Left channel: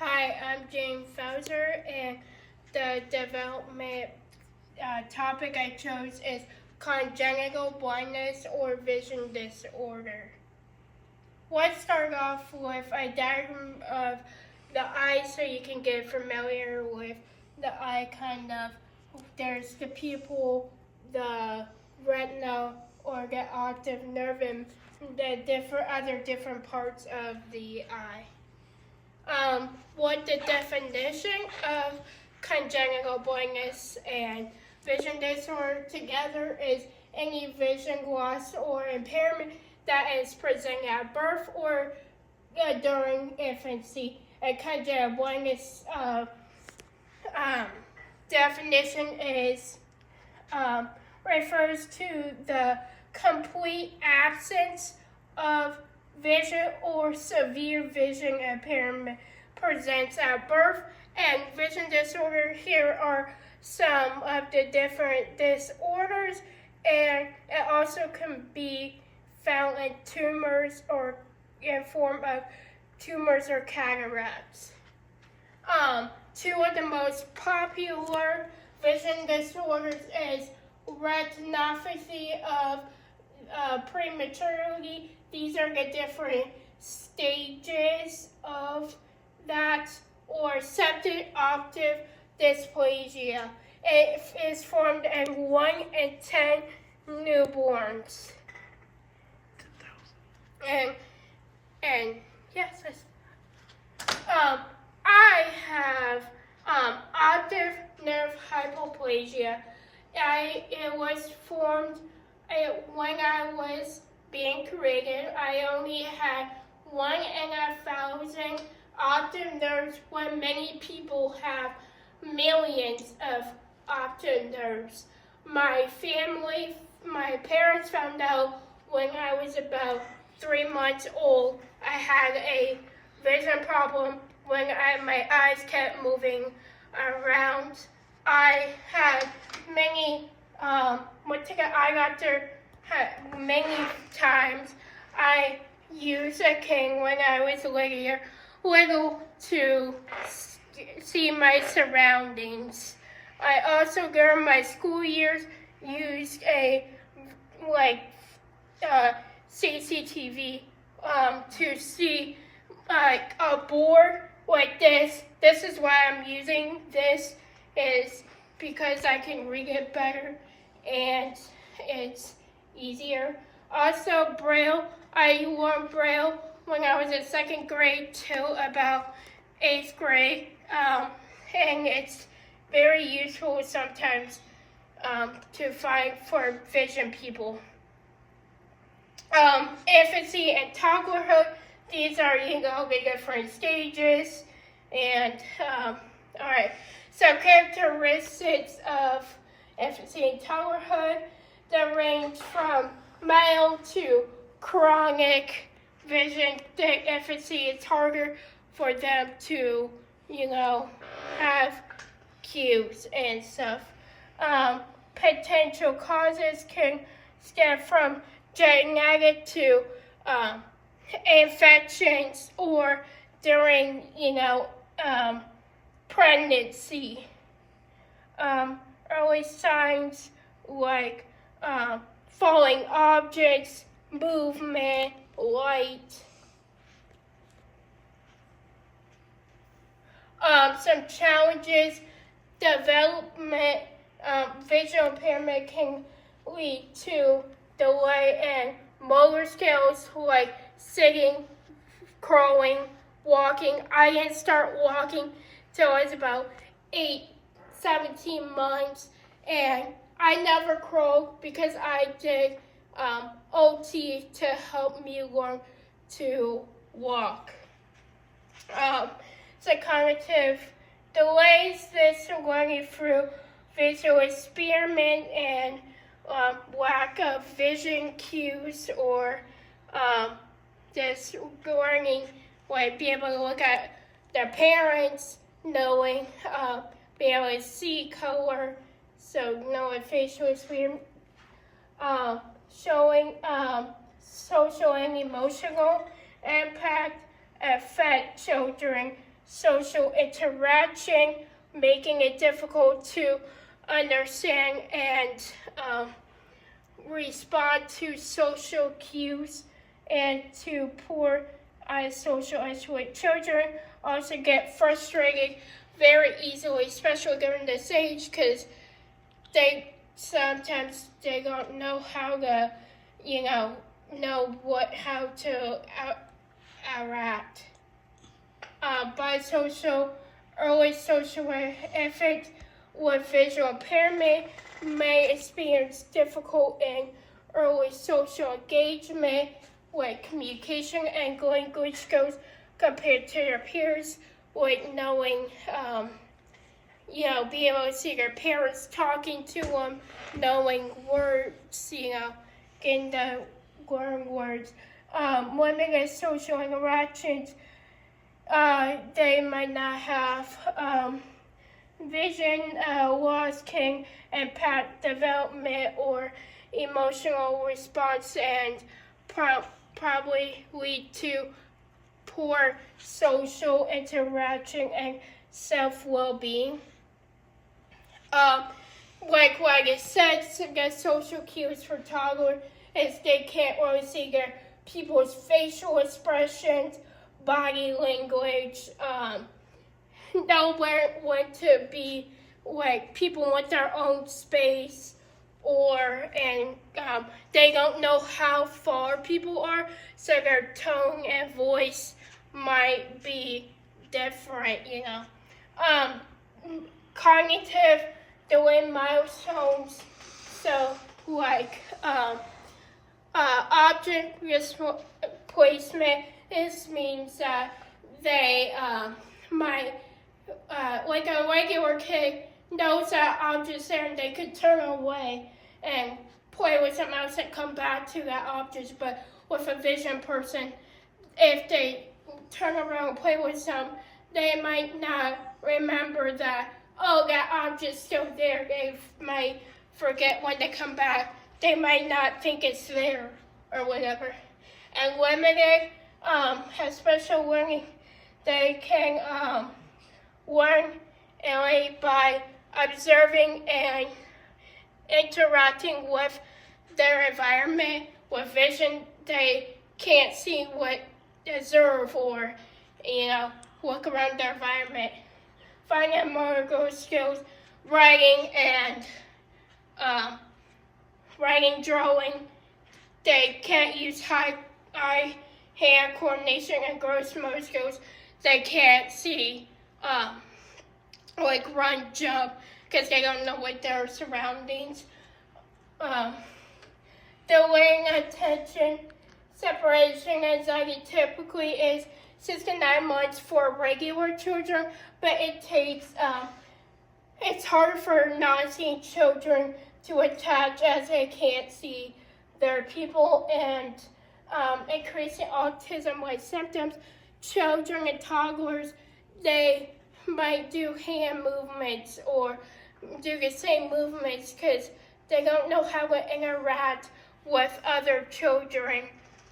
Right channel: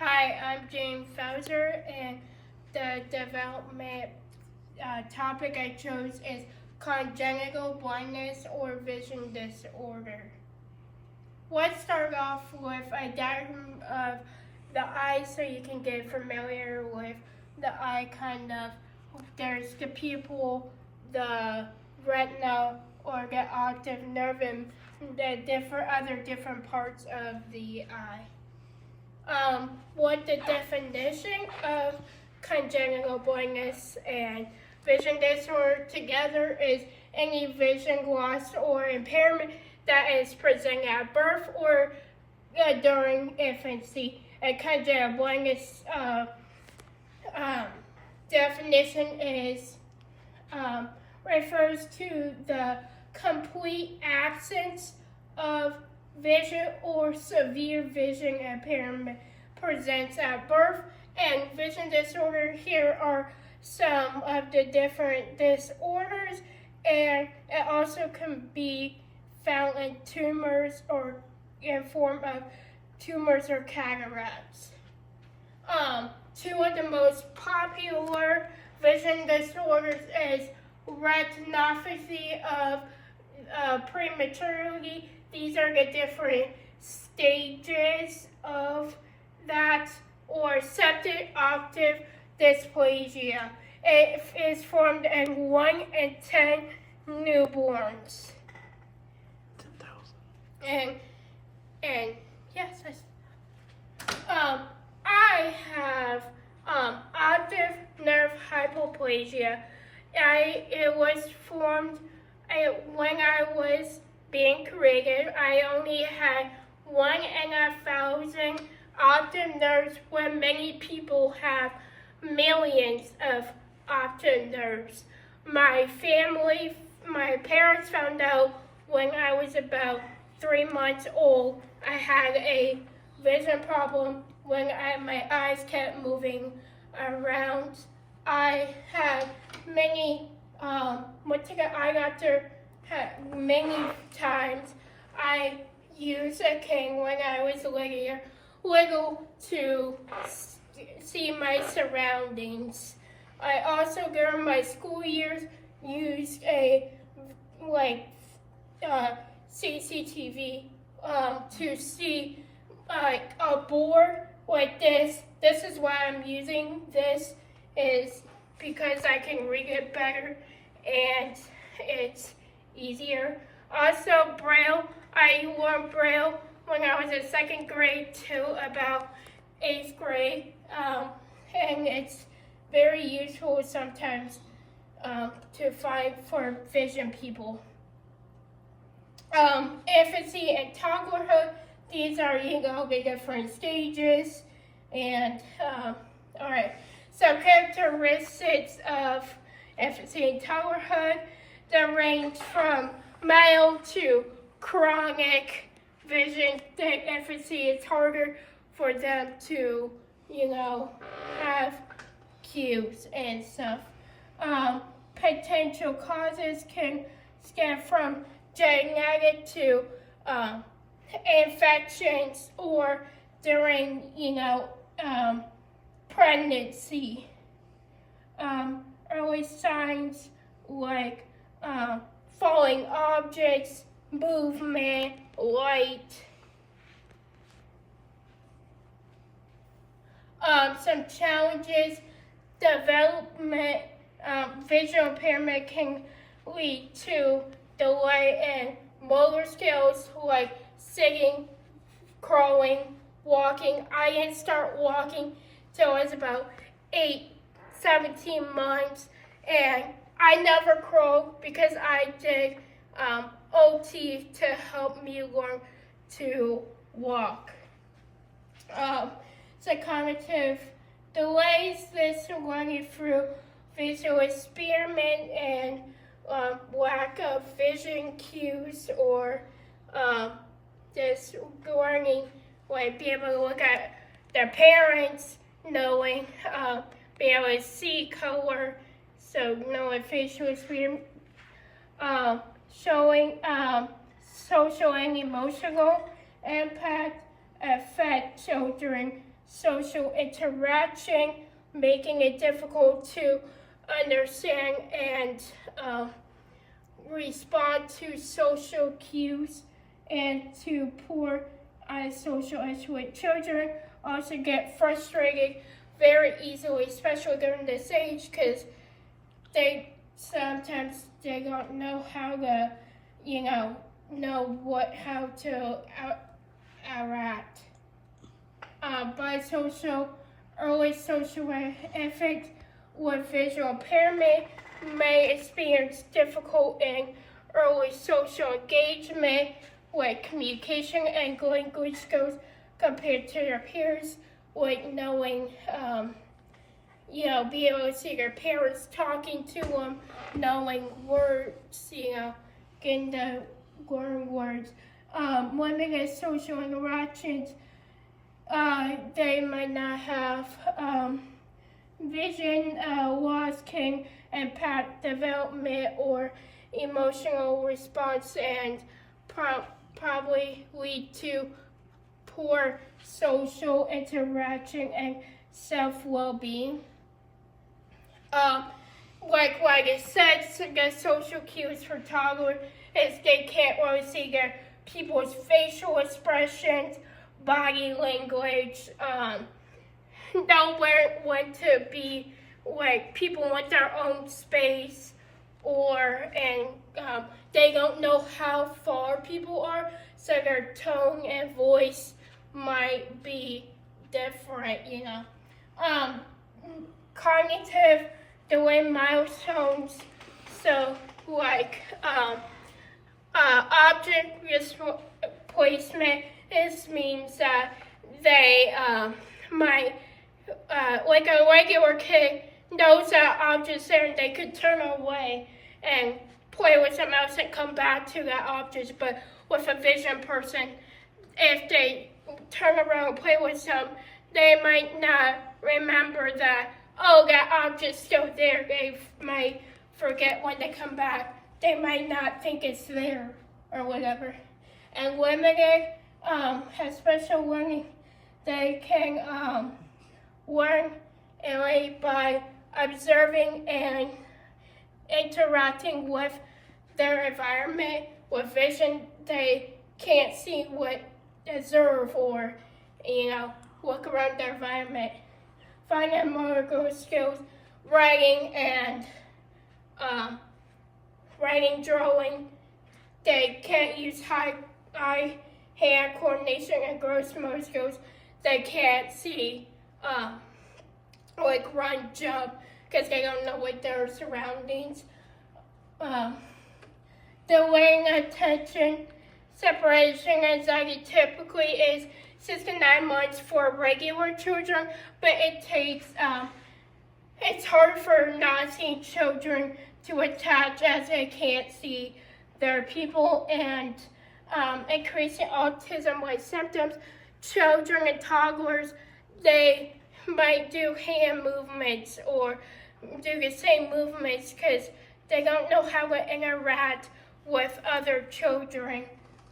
Hi, I'm James Fauser, and the development topic I chose is congenital blindness or vision disorder. Let's start off with a diagram of the eye so you can get familiar with the eye kind of. There's the pupil, the retina, or the optic nerve, and the different parts of the eye. What the definition of congenital blindness and vision disorder together is any vision loss or impairment that is present at birth or during infancy. And congenital blindness definition is refers to the complete absence of vision or severe vision impairment presents at birth. And vision disorder, here are some of the different disorders, and it also can be found in tumors or in form of tumors or cataracts. Two of the most popular vision disorders is retinopathy of prematurity. These are the different stages of that, or septic optic dysplasia. It is formed in 1 in 10 newborns. And yes, I have optic nerve hypoplasia. It was formed when I was being created. I only had 1 in 1,000 optic nerves, when many people have millions of optic nerves. My parents found out when I was about 3 months old. I had a vision problem when my eyes kept moving around. I had many, went to the eye doctor many times. I used a cane when I was little to see my surroundings. I also, during my school years, used a CCTV to see a board like this. This is why I'm using this, is because I can read it better and it's easier. Also, Braille. I learned Braille when I was in 2nd grade till about 8th grade, and it's very useful sometimes to find for vision people. Infancy and toddlerhood, these are, the different stages. And, all right, so characteristics of infancy and toddlerhood, they range from mild to chronic vision. The infancy, it's harder for them to, have cues and stuff. Potential causes can stem from genetic to infections or during, pregnancy. Early signs like falling objects, movement, light. Some challenges: development, visual impairment can lead to delay in motor skills like sitting, crawling, walking. I didn't start walking till I was about 17 months, and I never crawled because I did OT to help me learn to walk. So cognitive delays, this learning through visual impairment and lack of vision cues, or just learning, like being able to look at their parents, knowing, being able to see color, so knowing facial impairment, showing social and emotional impact affect children social interaction, making it difficult to understand and respond to social cues, and to poor social isolate. Children also get frustrated very easily, especially during this age, because sometimes they don't know how to, how to interact. Bisocial, early social affect with visual impairment may experience difficult and early social engagement with communication and language skills compared to their peers, with knowing, being able to see their parents talking to them, knowing words, getting the learn words. Limited social interactions, they might not have vision loss can impact development or emotional response, and probably lead to poor social interaction and self-well-being. Like what it says, the social cues for toddlers is they can't really see their people's facial expressions, body language, know when to be, like, people want their own space, and they don't know how far people are, so their tone and voice might be different, Cognitive delay milestones, so like object placement, this means that they might, like a regular kid knows that object's there and they could turn away and play with something else and come back to that object, but with a vision person, if they turn around and play with something, they might not remember that, that object's still there. They might forget when they come back. They might not think it's there or whatever. And limited, has special learning, they can learn only by observing and interacting with their environment. With vision, they can't see what observe or, look around their environment. Fine and motor skills, writing and drawing. They can't use eye-hand coordination and gross motor skills. They can't see, like run, jump, because they don't know what their surroundings. Delaying attention, separation anxiety typically is 6 to 9 months for regular children, but it takes, it's hard for non-seeing children to attach as they can't see their people, and increasing autism-like symptoms. Children and toddlers, they might do hand movements or do the same movements because they don't know how to interact with other children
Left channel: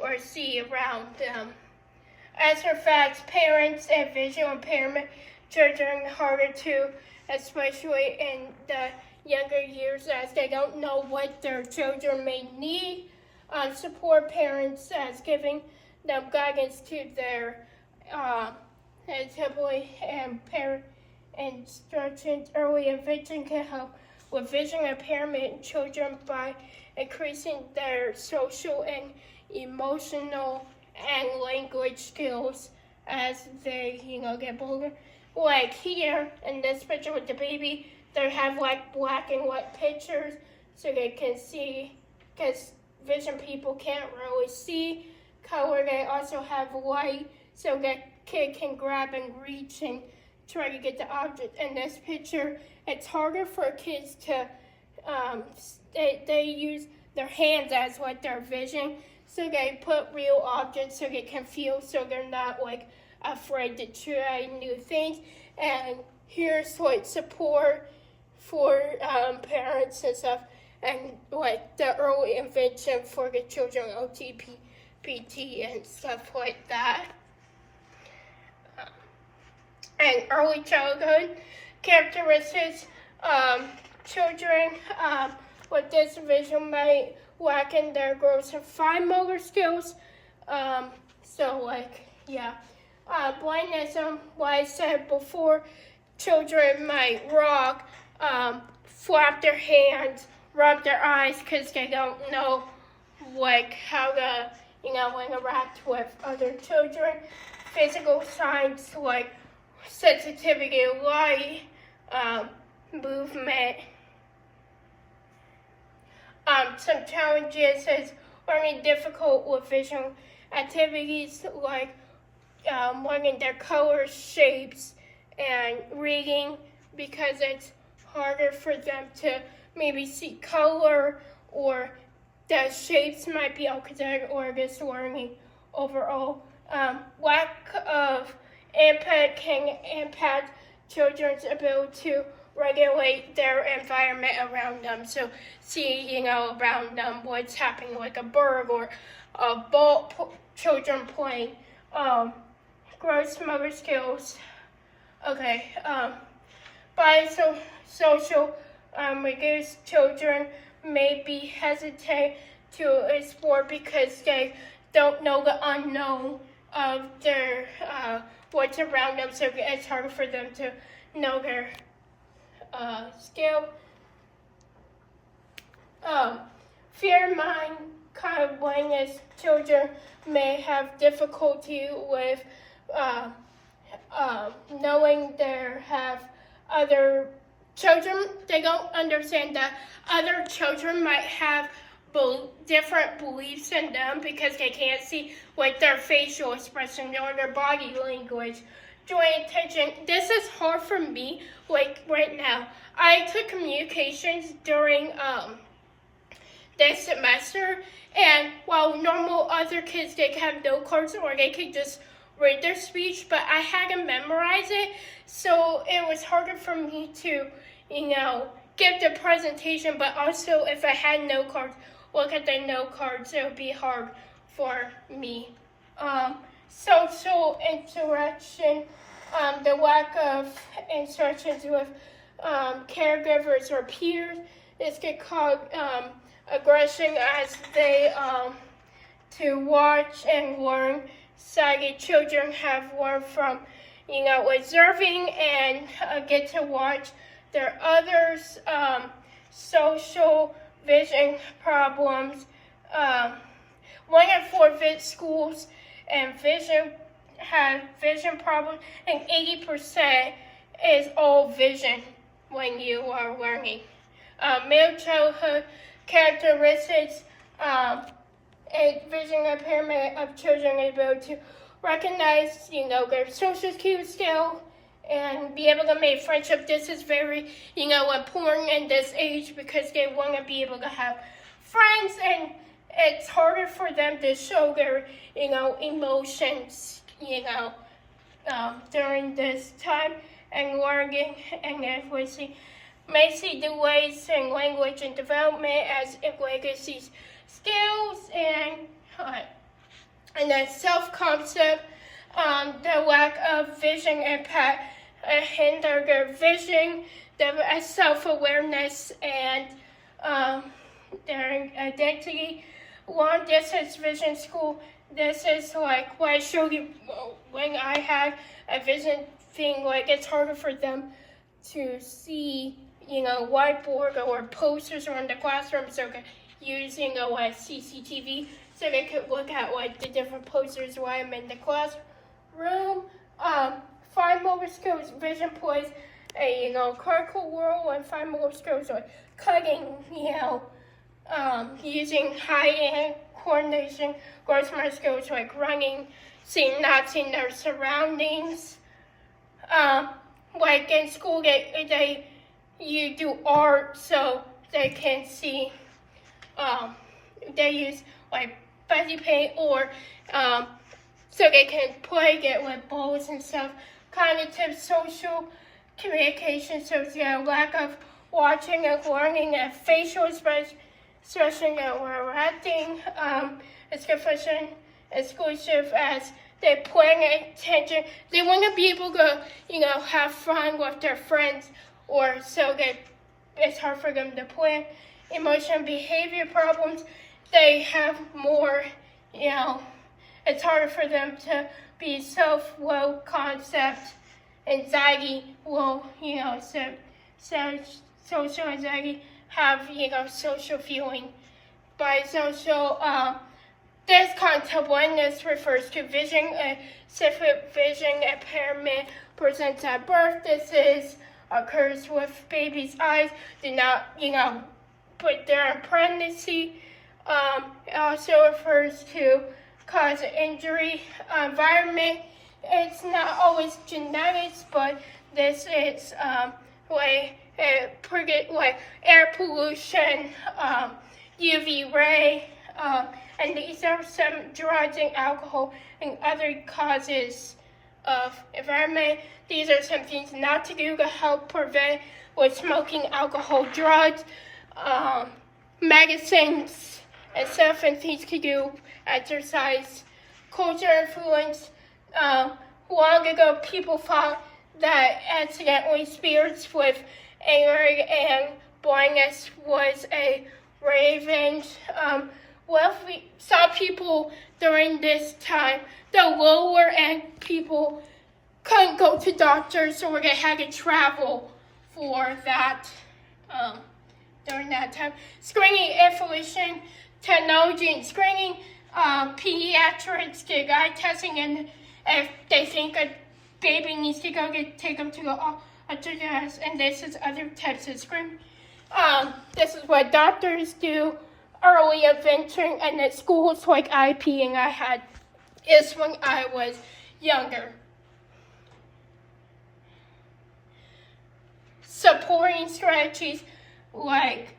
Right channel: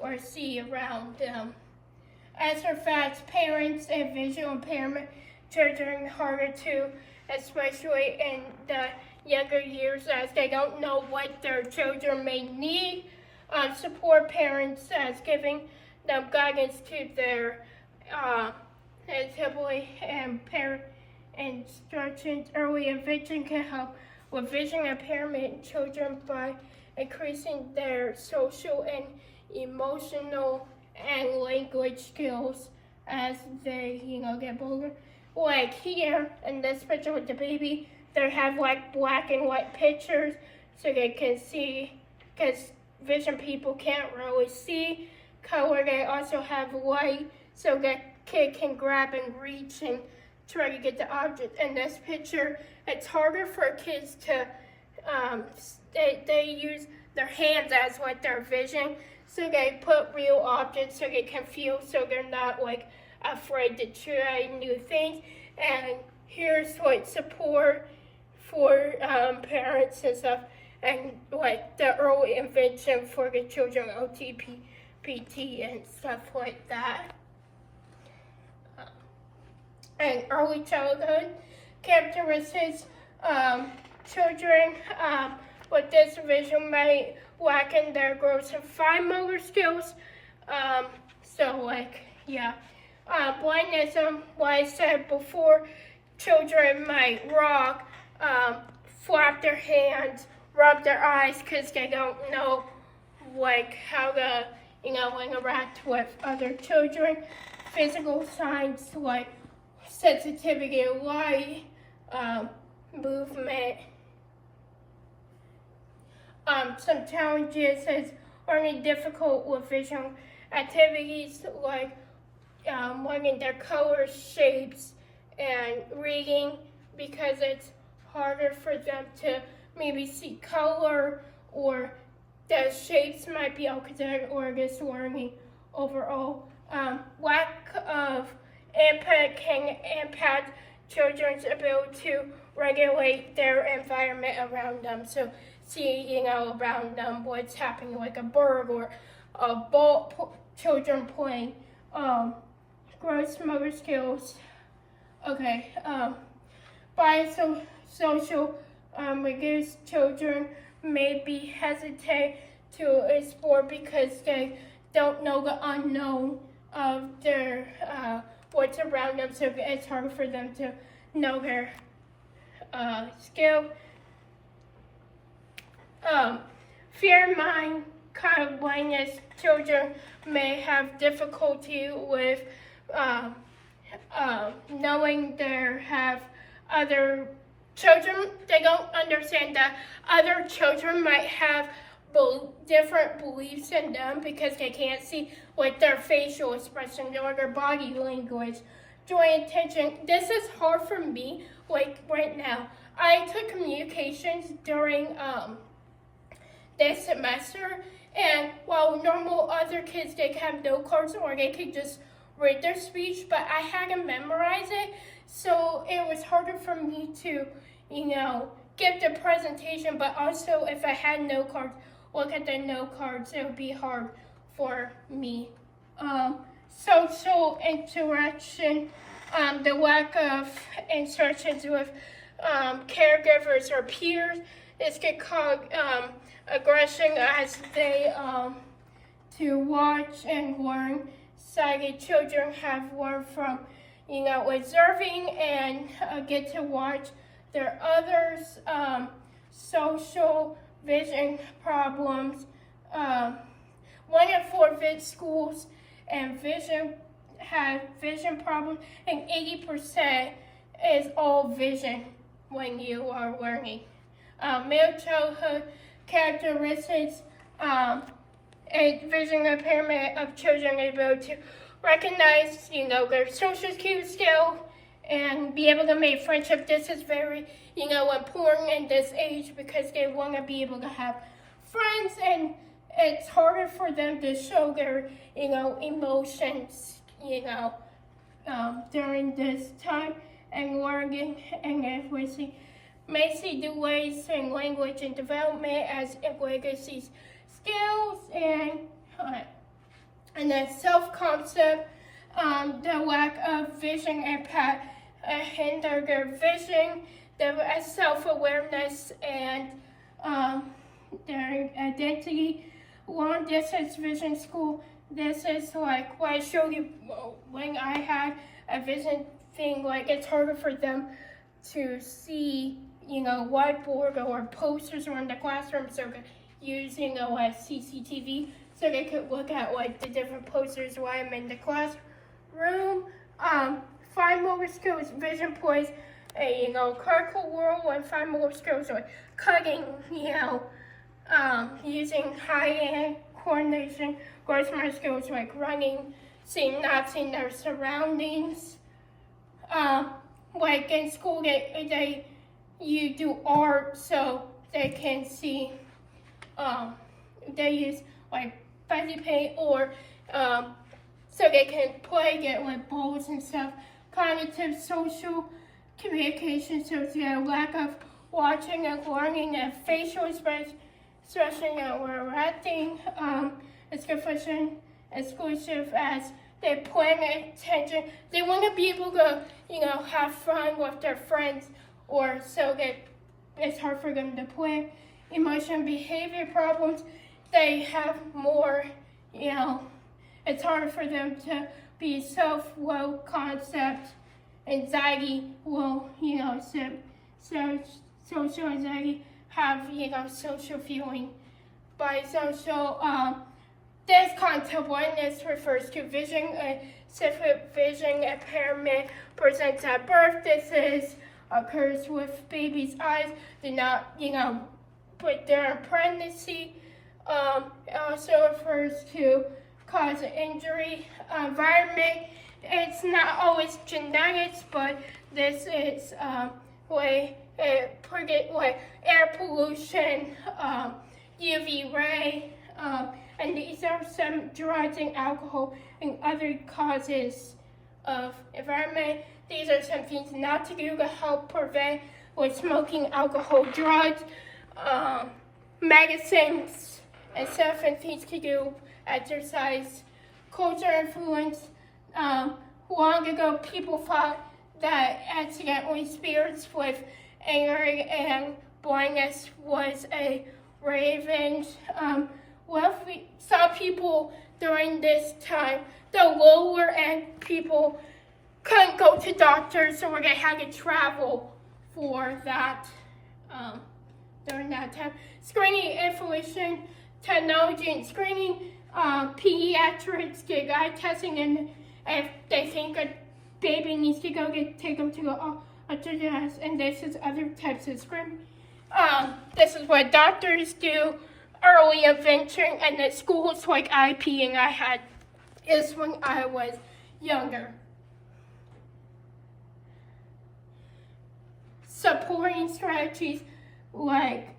or see around them. As for facts, parents and visual impairment children harder to, especially in the younger years, as they don't know what their children may need. Support parents as giving them guidance to their and parent instructions. Early intervention can help with vision impairment in children by increasing their social and emotional and language skills as they, get older. Like here in this picture with the baby, they have like black and white pictures so they can see, because vision people can't really see color. They also have white so that kid can grab and reach and try to get the object. In this picture, it's harder for kids to, they use their hands as like their vision, so they put real objects so they can feel, so they're not like afraid to try new things. And here's like support for parents and stuff, and like the early intervention for the children, OTPT and stuff like that. and early childhood characteristics. Children with this vision may lack in their gross and fine motor skills. Blindness, what I said before, children might rock, flap their hands, rub their eyes because they don't know how to interact with other children. Physical signs like sensitivity to light, movement. Some challenges is learning difficult with visual activities like learning their colors, shapes, and reading, because it's harder for them to maybe see color, or the shapes might be alphabetic, or just learning overall. Lack of input can impact children's ability to regulate their environment around them. So see, around them what's happening, like a bird or a ball, children playing. Gross motor skills. Okay. Biosocial reduced children may be hesitant to explore because they don't know the unknown of their what's around them, so it's harder for them to know their skill. Fear mind kind of blindness. Children may have difficulty with knowing they have other children. They don't understand that other children might have different beliefs in them because they can't see their facial expression or their body language. Drawing attention. This is hard for me, right now. I took communications during this semester, and while normal other kids, they have note cards or they could just read their speech, but I had to memorize it, so it was harder for me to, give the presentation, but also if I had note cards, look at the note cards, it would be hard for me. Social interaction, the lack of instructions with caregivers or peers. This can cause aggression as they to watch and learn. Sighted children have learned from observing and get to watch their others. Social vision problems. 1 in 4 schools and have vision problems, and 80% is all vision when you are learning. Middle childhood characteristics, a vision impairment of children able to recognize, their social cues skill and be able to make friendship. This is very, important in this age because they want to be able to have friends, and it's harder for them to show their, emotions, during this time, and learning and literacy. May see delays in language and development as it legacy skills, and then self-concept, the lack of vision impact hinder their vision, their self-awareness, and their identity. Long distance vision school, this is like what I showed you when I had a vision thing, it's harder for them to see, whiteboard or posters around the classroom, so using a CCTV, so they could look at the different posters while I'm in the classroom. Fine motor skills, vision plays a critical role, and fine motor skills like cutting, using high-end coordination, gross motor skills like running, not seeing their surroundings. In school, you do art, so they can see. They use fuzzy paint, or so they can play it with balls and stuff. Cognitive, social communication, so lack of watching and learning and facial expression and reacting. Schizophrenia exclusive as they're paying attention. They want to be able to, have fun with their friends, or so it's hard for them to plan. Emotional and behavior problems, they have more, it's harder for them to be low concept. Anxiety will, social anxiety, have, social feeling. Bisocial, this congenital blindness refers to vision, specific vision impairment presents at birth. This occurs with baby's eyes, do not, put there in pregnancy. It also refers to cause of injury, environment. It's not always genetics, but this is like air pollution, UV ray, and these are some drugs and alcohol and other causes of environment. These are some things not to do to help prevent with smoking, alcohol, drugs, medicines, and stuff, and things to do, exercise, culture influence. Long ago, people thought that accidentally spirits with anger and blindness was a revenge. Some people during this time, the lower end people couldn't go to doctors, or they had to travel for that during that time. Screening information technology and screening, pediatrics get eye testing, and if they think a baby needs to go, take them to the ultrasound, and this is other types of screening. This is what doctors do, early intervention, and at schools like IP, and I had this when I was younger. Supporting strategies like,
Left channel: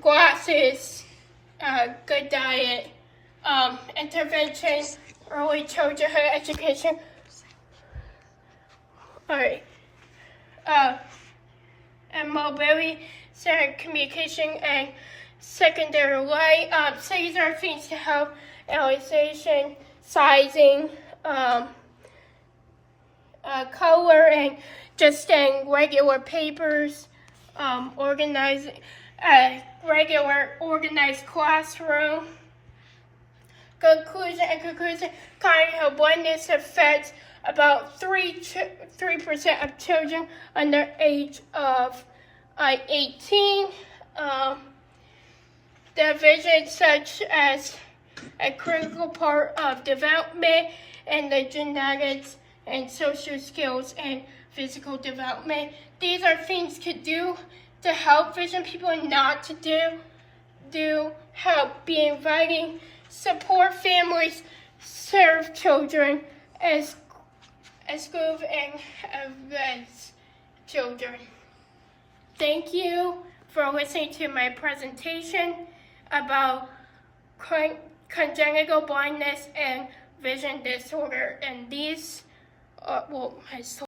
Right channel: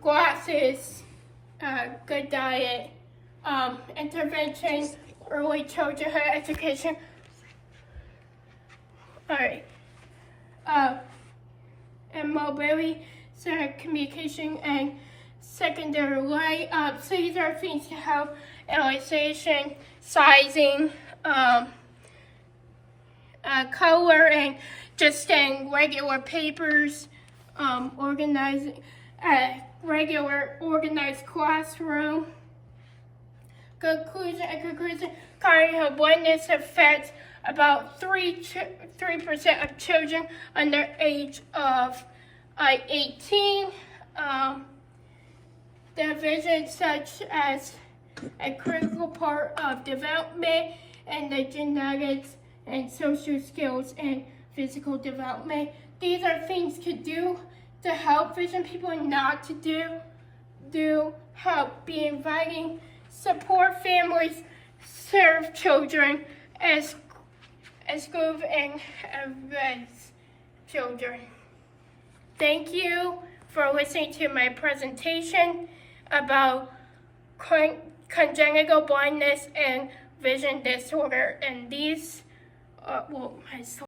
glasses, good diet, intervention, early childhood education. All right. And mobility, communication, and secondary light. These are things to help analyzation, sizing, color, and just in regular papers, organizing, regular organized classroom. Conclusion, congenital blindness affects about 3% of children under age of 18. The vision, such as a critical part of development, and the genetics and social skills and physical development. These are things to do to help vision people, and not to do help be inviting, support families, serve children as good and as children. Thank you for listening to my presentation about congenital blindness and vision disorder, and these